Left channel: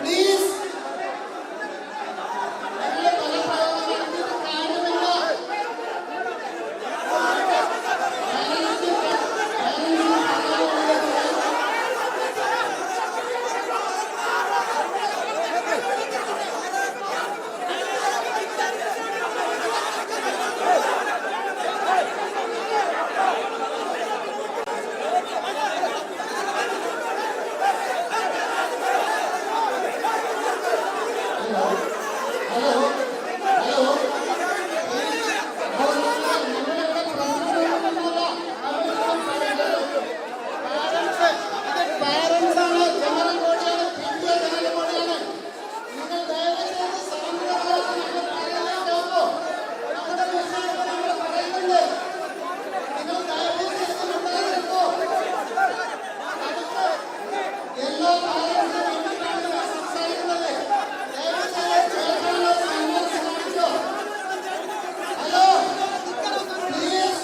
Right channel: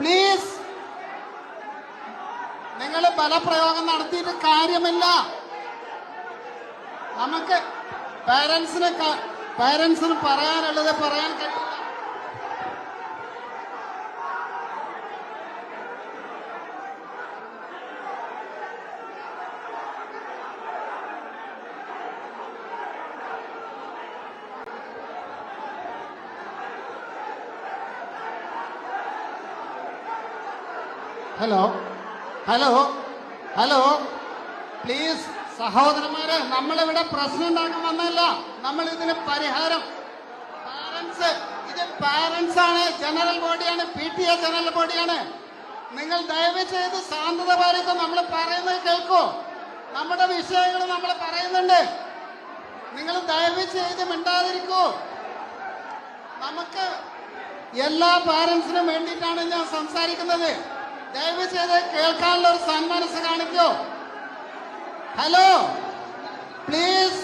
Please നിങ്ങൾ ബലപ്രയോഗം നടത്തിയിട്ട് കാര്യമില്ല. നമുക്ക് പേരൻസിന് പാരൻസിന് പറയാനുള്ളത് പറയാൻ ഹലോ ഹലോ? ഹലോ? പ്ലീസ് സഹോദരങ്ങളെ നമ്മളിവിടെ പ്രശ്നം ഉണ്ടാക്കുമെന്നല്ല നമ്മൾ ഇതിന് പരിഹാരം. പാരൻസ് ഇത് പാരൻസ് ആണ്. ജനറൽ ബോഡിയാണ് പി ടി എ ജനറൽ ബോഡിയാണ് നിങ്ങൾ ദയവ് ചെയ്ത് പാലിച്ച് നമ്മൾ പറയുന്നത് കേൾക്കൂ. നമ്മുടെ വിഷയങ്ങൾ നമ്മൾ പറയുന്നുണ്ട്. നിങ്ങൾ ദയവ് ചെയ്ത് മിണ്ടാതിരിക്കൂ. നമുക്ക് എല്ലാ പാരൻസിനും വേണ്ടിയിട്ടാണ് ഞാൻ സംസാരിക്കുന്നത്. ഹലോ പ്ലീസ്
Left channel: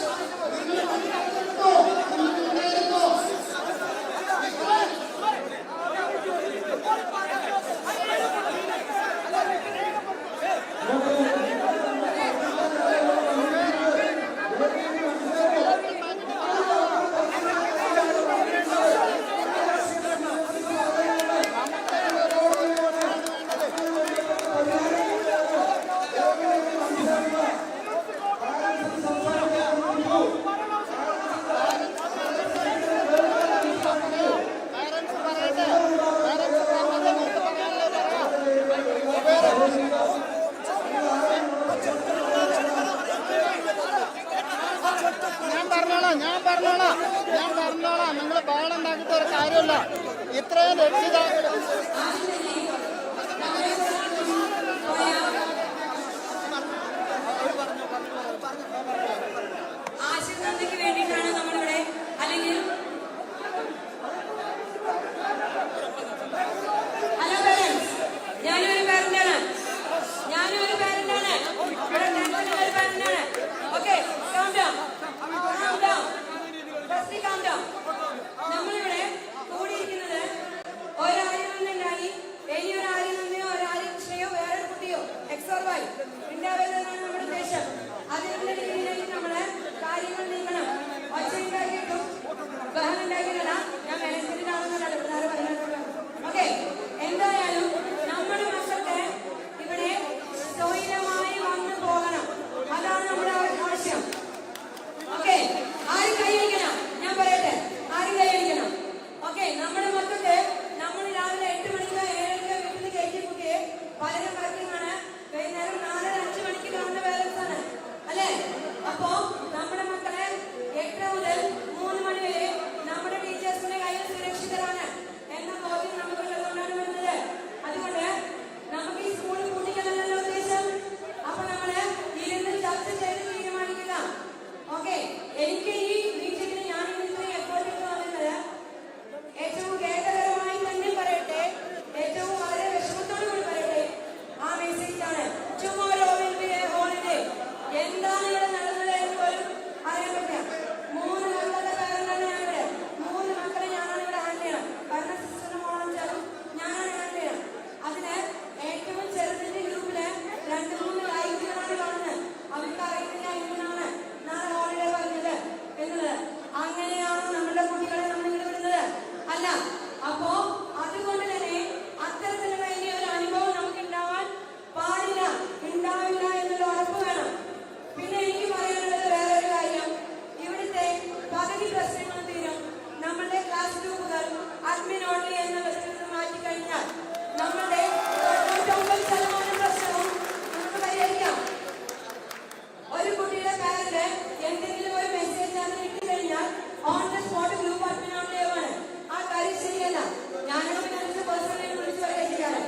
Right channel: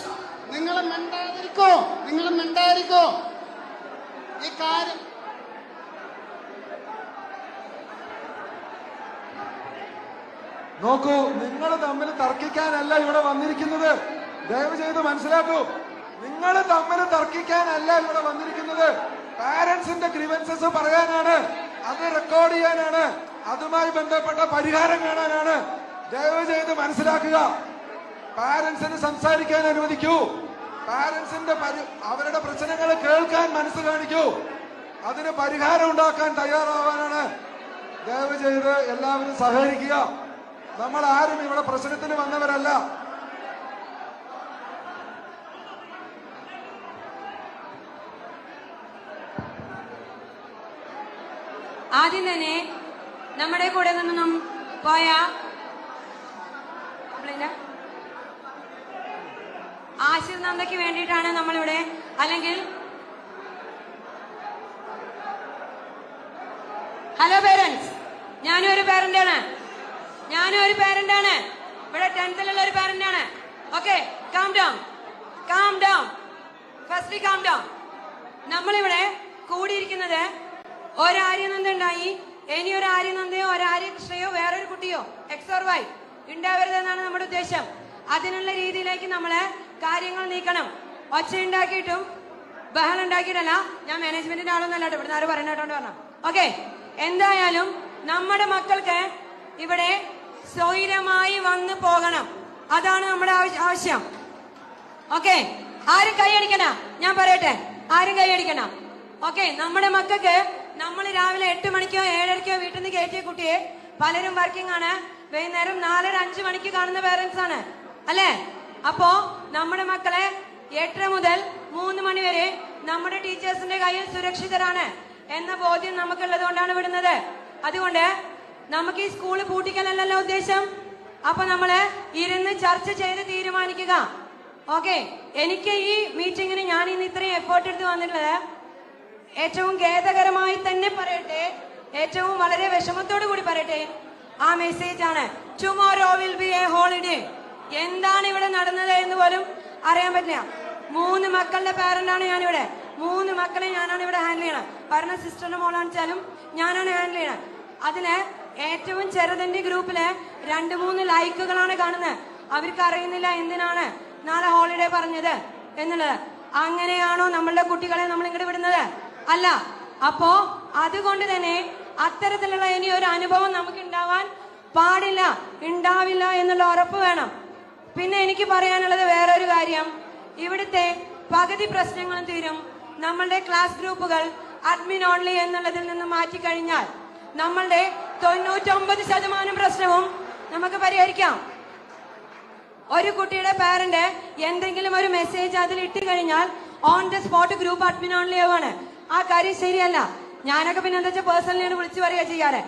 നിങ്ങൾ മിണ്ടാതിരിക്കോ നിങ്ങൾ ഈ കാര്യം നോക്കൂ നിങ്ങൾ തമ്മിൽ തർക്കിക്കാനല്ല ഇവിടെ വന്നിരിക്കുന്നത്. ദയവ് ചെയ്ത് നിങ്ങൾ തമ്മിൽ തർക്കിക്കാനല്ല ഇവിടെ വന്നിരിക്കുന്നത്. പാരന്റ്സിന്റെ ഗ്രീവൻസസ് അതുമായി ബന്ധപ്പെട്ട പരിഹാരം കാണാനാണ് ദയവ് ചെയ്ത് മനസ്സിലാക്കുക. പാരന്റ്സിന് സംസാരിക്കാൻ അനുവദിക്കൂ. പാരന്റ്സിന്റെ അവരുടെ പ്രശ്നങ്ങൾ കേൾക്കാൻ മനസ്സ് കാണിക്കൂ. അതിന് പരിഹാരം ഉണ്ടാക്കാൻ തയ്യാറാവാനാണ്. ദയവ് ചെയ്ത് എല്ലാവർക്കും സഹകരിക്കുക. നമ്മൾ ആരും ഇവിടെ പ്രശ്നത്തിന് വന്നവരല്ല. ഞാൻ പറഞ്ഞോളാം ഞാൻ പറഞ്ഞോളാം ഞാൻ പറഞ്ഞോളാം. നിങ്ങൾ ബഹളം ഉണ്ടാക്കിയിട്ട് ഒരു കാര്യമില്ല. ഇത്രയും രക്ഷിതാക്കൾ ആദ്യം തന്നെ നമ്മുടെ കൂടെ നിന്നും പോയ ആശിർ വേണ്ടിയിട്ടാണ് നമ്മളിവിടെ അല്ലെങ്കിൽ ഹലോ പേരൻസ് ഞാനും ഒരു പേരന്റ് ആണ്. ഞാനും ഒരു പേരന്റ് ഇവിടെ ടെൻത്തിലുള്ള ഒരു parent okay calm down calm down calm down നമ്മളിവിടെ കൂടിയിരിക്കുന്നത് ഒരാര്യനന്ദുണ്ടായി ഇനി ഒരു ആര്യനന്ദയോ ഒരു ആര്യകൃഷ്ണയോ വേറൊരു കുട്ടിയോ എക്സ് ഓർ വൈ ഉണ്ടാവരുതെന്നാണ് നമ്മുടെ ഉദ്ദേശം. അതിനുള്ള രീതിയിലേക്ക് നമ്മൾ കാര്യങ്ങൾ നീക്കണം. ഒച്ച ഉണ്ടാക്കിയിട്ടും ബഹളം ഉണ്ടാക്കിയിട്ടല്ല. ഞാൻ മാനേജ്മെന്റിന്റെ ആളൊന്നല്ല ഇവിടെ ആരും പറയുന്നതുകൊണ്ട് പറഞ്ഞു ഓക്കെ എന്തായാലും നമ്മുടെ മക്കൾക്ക് ഇവിടെ സ്വൈരമായി വന്നു പോകണം. അതാണ് നമ്മുടെ ആവശ്യം. ഓക്കെ ആരും കൈയടിക്കണ ഞാൻ പറയട്ടെ. ആരും കൈയടിക്കണ ഓക്കെ നമ്മുടെ മക്കൾക്ക് നമ്മൾ രാവിലെ എട്ട് മണിക്കോ ഏഴരക്കോ വീട്ടിൽ നിന്ന് കയറ്റിയ കുട്ടിയെ പലരും വർക്കിംഗ് ആണ്. വൈകുന്നേരം നാലര അഞ്ച് മണിക്ക് കാണുന്ന പേരൻസ് ആണ്. അല്ലേ? അപ്പോ നമ്മുടെ മക്കളെ എട്ടര മുതൽ മൂന്ന് മണി വരെ നമ്മുടെ ടീച്ചേഴ്സിന്റെ കയ്യിൽ സുരക്ഷിതരാണ് എന്ന ബോധ്യം നമുക്കുള്ളത് കൊണ്ടാണ് വിടുന്നത്. അതുകൊണ്ട് നമുക്ക് ഈ സ്കൂൾ പൂട്ടിക്കലല്ലോ ഉദ്ദേശം? അപ്പൊ നമ്മൾ ഇരുന്ന് ചർച്ച ചെയ്ത് തീരുമാനിക്കുക. ഓക്കെ എനിക്ക് ഈ മീറ്റിംഗിന് ഞാൻ ഇന്ന് ഇത്രയും എഫേർട്ട് എടുത്ത് വന്നിട്ടുള്ളത് ഏറ്റവും ഖേദകരമായി തന്നെ പറയട്ടെ. ഏറ്റവും വളരെ വിഷമത്തോടു കൂടി പറയട്ടെ. ആ മെസ്സേജ് ആണ്. Tomorrow will be a holiday എന്താണ് ഇവിടെ നടന്നത് എന്ന് പോലും അറിയാൻ പറ്റില്ല. മൂന്ന് മക്കളുടെ പാരന്റ് ആണ് ഞാനിവിടെ. മൂന്ന് മക്കളെ ഞാനാണ് ഇവിടെ ഹാൻഡിൽ ചെയ്യണം. പറഞ്ഞ സിസ്റ്ററിന് മോളാണെച്ചാലും ഞാനാണ് ഹാൻഡിൽ ചെയ്യണം. അതിന് ഏറ്റവും ചെറുതിന്റെ ഗ്രൂപ്പിൽ രണ്ട് മൂന്ന് ലൈക്കുകളാണ് കാണുന്നത് അവർക്ക് അറിയുന്നില്ല എന്തിനാണ് നാളെ ഹോളിഡേ പറഞ്ഞത് എന്നുള്ളത്. അങ്ങനെയാണോ നമ്മളുടെ കുട്ടികളെ നമ്മൾ ഇങ്ങോട്ട് വിടുന്നത്? അല്ല അപ്പോ അതുകൊണ്ട് തന്നെ അത്തരത്തിലുള്ള ഇനി ഒരു അനുഭവം നമുക്ക് ഉണ്ടാവാൻ പാടില്ല ഉണ്ടാവില്ല എന്നുള്ള ഉറപ്പ് വേണം. പിന്നെ എനിക്ക് പറയാനുള്ളത് വേറൊരു കാര്യം. ഇവിടുത്തെ പകുതി പ്രശ്നങ്ങളും തീരും. നമ്മളുടെ ക്ലാസ് ഗ്രൂപ്പുകൾ അഡ്മിൻ ഓൺലി എന്നുള്ളതിൽ നിന്ന് മാറ്റിക്കഴിഞ്ഞാൽ നമ്മളുടെ തൊണ്ണൂറ്റൊമ്പത് ശതമാനം പ്രശ്നവും നമുക്ക് പരിഹരിക്കാം. ഒരു കുട്ടിയുടെ പാരന്റ് എന്തെങ്കിലും ഒരു മെസ്സേജ് അതിൽ ഇട്ട് കഴിഞ്ഞാൽ on the spot group admin only ആവാണ് ആ കാര്യം ശരിയല്ല. ഞാനൊക്കെ പിന്നെ എന്താ വെച്ചാൽ പേഴ്സണലി വിളിച്ചു പറയുക ചെയ്യാറ്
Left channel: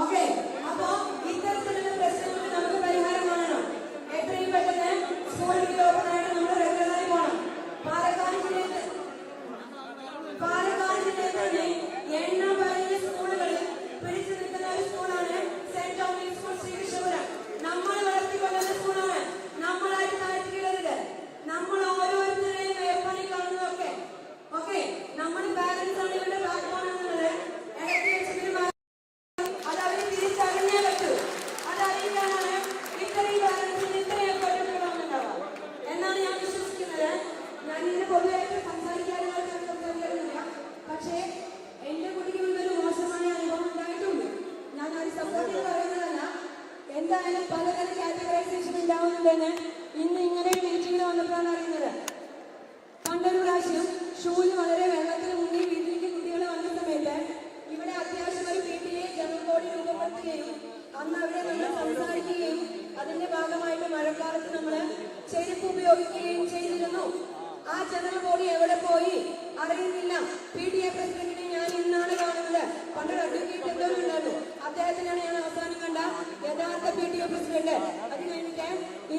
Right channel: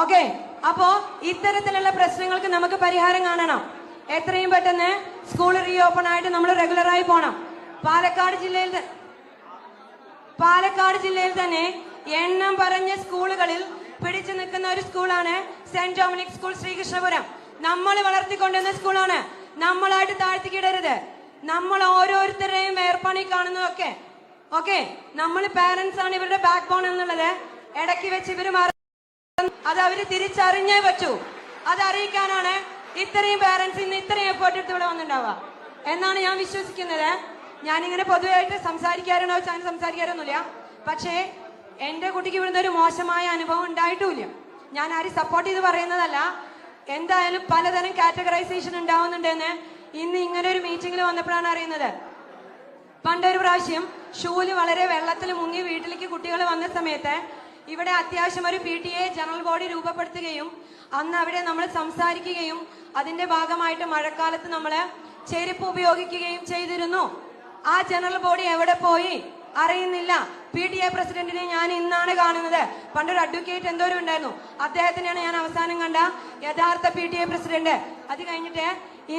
ഓക്കെ അപ്പോ ഇത്തരത്തിലുള്ള പ്രശ്നങ്ങൾക്ക് നമുക്ക് പരിഹാരം കാണണം. എത്രയും പെട്ടെന്ന് സ്കൂൾ റീഓപ്പൺ ആയിട്ട് നമ്മൾ റെഗുലറായി പോണം. പാലക്കാട് ജില്ലയിൽ പാലക്കാട് ജില്ലയിൽ തന്നെ എണ്ണം പറഞ്ഞ സ്കൂളുകളിൽ പിടിച്ചു നിൽക്കുന്ന ഒരു സ്കൂളാണ് സെന്റ് ഡൊമിനിക് സ്കൂൾ ശ്രീകൃഷ്ണപുരം. നമ്മൾ വളർത്തിക്കൊണ്ടുവന്ന സ്കൂളാണ്. നമ്മളായിട്ട് താഴ്ത്തിക്കിടരുത്. നമ്മൾ ഓരോരുത്തരെയും വേർപ്പണി കാണുന്നതൊക്കെ ഓക്കെ നമ്മൾ പാരന്റ്സ് ആണ് ഇവരുടെ ബാക്ക് ബോൺ എന്നുള്ളത്. ഇടയ്ക്ക് വെച്ച് ഇവർ അത് അവർ തിരിച്ചറിഞ്ഞേ പറ്റൂ. അത് അറിയിക്കാനാണ് ഇത്രയും പാരന്റ്സ് ഇന്ന് ഇത്രയും എഫേർട്ട് എടുത്ത് ഇവിടെ വന്നിട്ടുണ്ടാവുക. എന്നാണ് ഞാൻ വിശ്വസിക്കുന്നത്. ഞാനിങ്ങനെ പൊതുവായിട്ട് സംസാരിക്കാറുണ്ടോ ഞാൻ സംസാരിക്കാറൊന്നുമില്ല. പക്ഷേ എന്റെ കുട്ടിക്ക് ഇവിടുന്ന് ഒരു മോശമായ അനുഭവം ഉണ്ടായിട്ടുമില്ല ഞാൻ ആരും സപ്പോർട്ട് ചെയ്ത് പറയുന്നതല്ല. എന്തായാലും പലതരം കാറ്റഗറൈസേഷൻ ഉണ്ടാവുന്നുണ്ടെന്ന് ഇന്ന് ഇങ്ങനെ ഒരു മീറ്റിംഗിൽ വന്നപ്പോഴാണ് അറിയുന്നത്. പണ്ടൊരു പ്രാവശ്യം ഷൂൽ വളരെ വെള്ളത്തിൽ മുങ്ങി വീട്ടിലേക്ക് കുട്ടികൾ വന്ന സമയത്ത് ഇവിടെ അത്യാവശ്യം ഒരു P T A general body രൂപപ്പെടുത്തുകയും അന്ന് അവിടെ നമ്മൾ സംസാരിക്കുകയും അതിന്റെ ഭാഗമായിട്ട് മഴക്കാലത്ത് നമ്മൾ ചെരുപ്പ് ഉപയോഗിക്കുകയും ചെയ്തിരുന്നു. ആ ജനറൽ ബോഡി എവിടെ പോയി അറിയുന്നില്ല. പി ടി എ പ്രസിഡന്റിനെ ഞാൻ ഇന്നാണ് കാണുന്നത്. പണ്ടൊരു അഡ്വക്കേറ്റ് എന്തോരം ഉണ്ടായിരുന്നു. അദ്ദേഹത്തിനെയാണ് ഞാൻ അവസാനം കണ്ട യഥാർത്ഥ പി ടി എ പ്രസിഡന്റ്. അത് കഴിഞ്ഞിട്ട്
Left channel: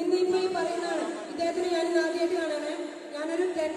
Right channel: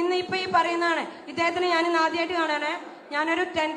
ഇന്ന് ഇപ്പൊ ഈ പറയുന്നതാണ്. ഇദ്ദേഹത്തിന് ഞാൻ ഇന്ന് ആദ്യമായിട്ട് കാണാണ്. ഞാനൊരു ടെൻത്ത്